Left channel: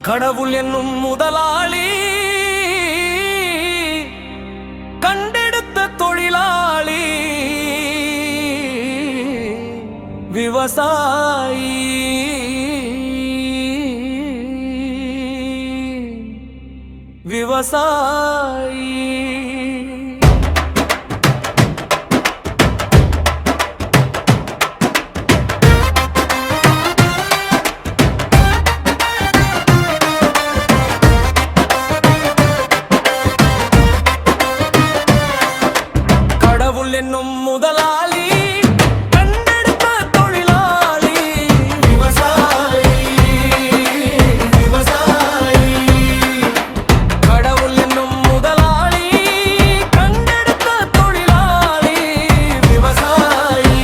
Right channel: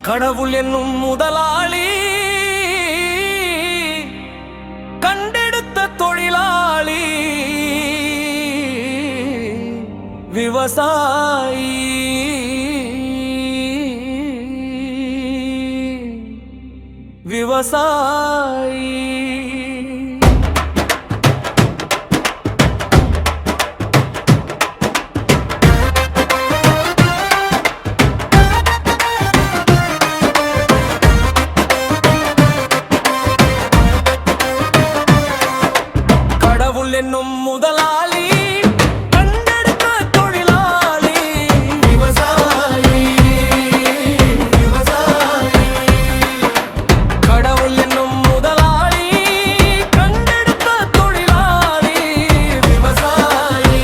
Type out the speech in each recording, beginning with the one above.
கடவுள் என்னும் முதலாளி கண்டெடுத்த தொழிலாளி விவசாயி விவசாயி கடவுள் என்னும் முதலாளி கண்டெடுத்த தொழிலாளி விவசாயி விவசாயி கடவுள் என்னும் முதலாளி கண்டெடுத்த தொழிலாளி விவசாயி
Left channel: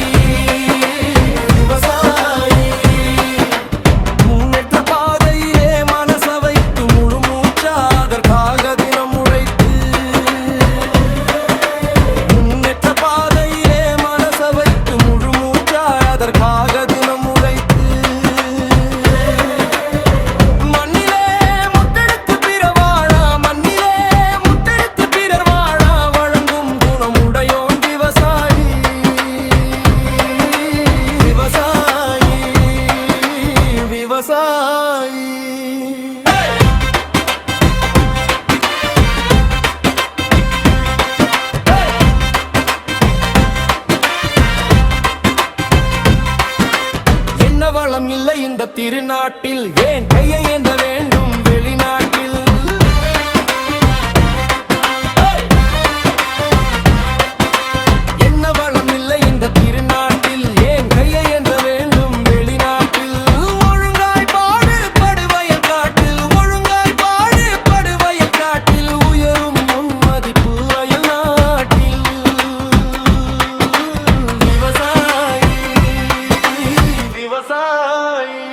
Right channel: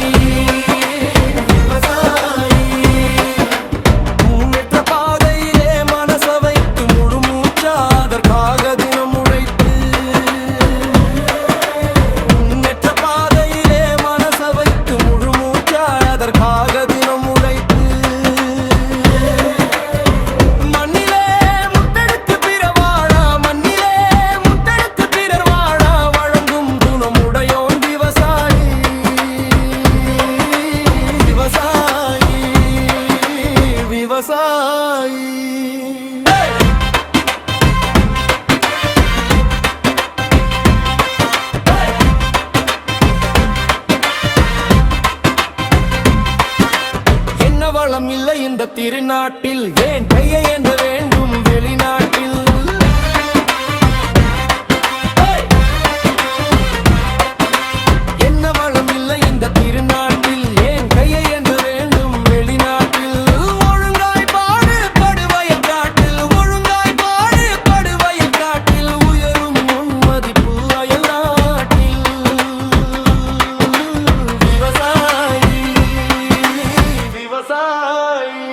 விவசாயி முன்னேற்ற பாதையிலே மனச வைத்து முழு மூச்சா அதற்காக தினம் உழைத்து பாதையிலே மனச வைத்து முழு மூச்சாய் அதற்காக தினம் உழைத்து மண்ணிலே முத்தெடுத்து பிறர் வாழ மண்ணிலே முத்தெடுத்து பிறர் வாழ வழங்கும் குணமுடையோன் விவசாயி விவசாயி விவசாயி வளம் இல்லை இந்த திருநாட்டில் ஏன் கையை ஏந்த வேண்டும் வெளிநாட்டில் என்ன வளம் இல்லை இந்த திருநாட்டில் ஏன் கையை ஏந்த வேண்டும் வெளிநாட்டில் ஒழுங்காய் பாடு படுவயல் காட்டில் ஒழுங்காய் பாடு படுவயல் காட்டில் உயரும் முன்மதிப்பு அயல் நாட்டில் விவசாயி விவசாயி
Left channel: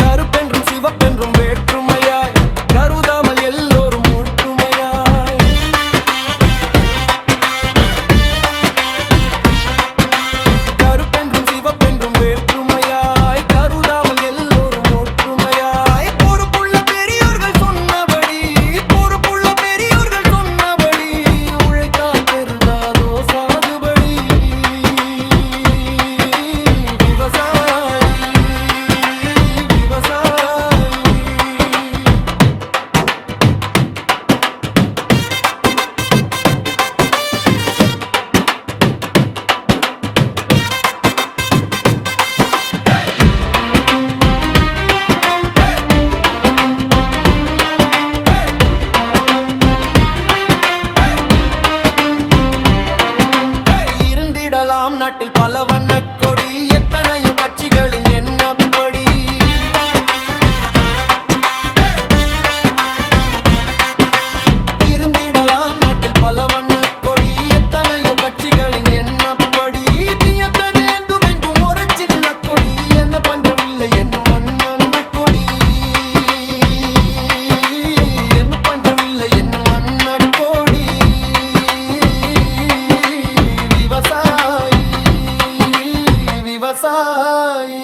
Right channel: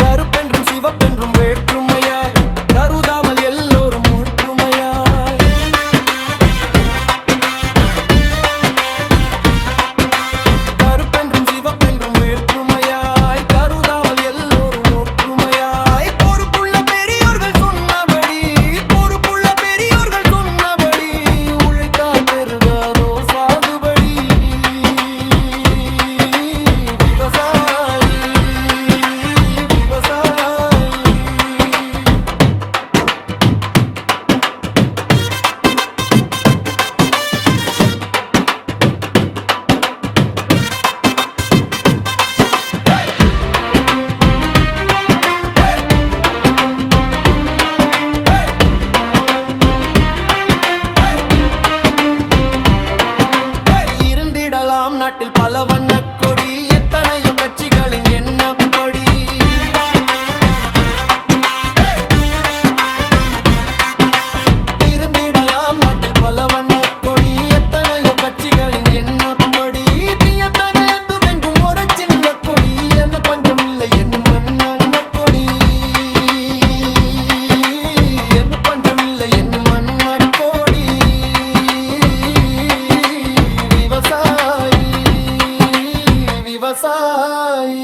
கருப்பென்றும் சிவப்பென்றும் வேற்றுமையாய் கருதாமல் எல்லோரும் ஒற்றுமையாய் கருப்பென்றும் சிவப்பென்றும் வேற்றுமையாய் கருதாமல் எல்லோரும் ஒற்றுமையாய் பொறுப்புள்ள பெரியோர்கள் சொன்னபடி உழைத்தால் பெருகாதோ சாகுபடி விவசாயி விவசாயி இருந்திடலாம் நாட்டில் பல வண்ணக் கொடி எத்தனையோ கட்சிகளின் எண்ணப்படி இருந்திடலாம் நாட்டில் பல வண்ணக் கொடி எத்தனையோ கட்சிகளின் எண்ணப்படி தீயத்தனேந்தும் எங்கும் ஒரு சின்ன கொடி என்ன பஞ்சம் இல்லை என்னும் மண்ண கொடி என்ன பஞ்சம் இல்லை என்னும் மண்ண கொடி விவசாயி விவசாயி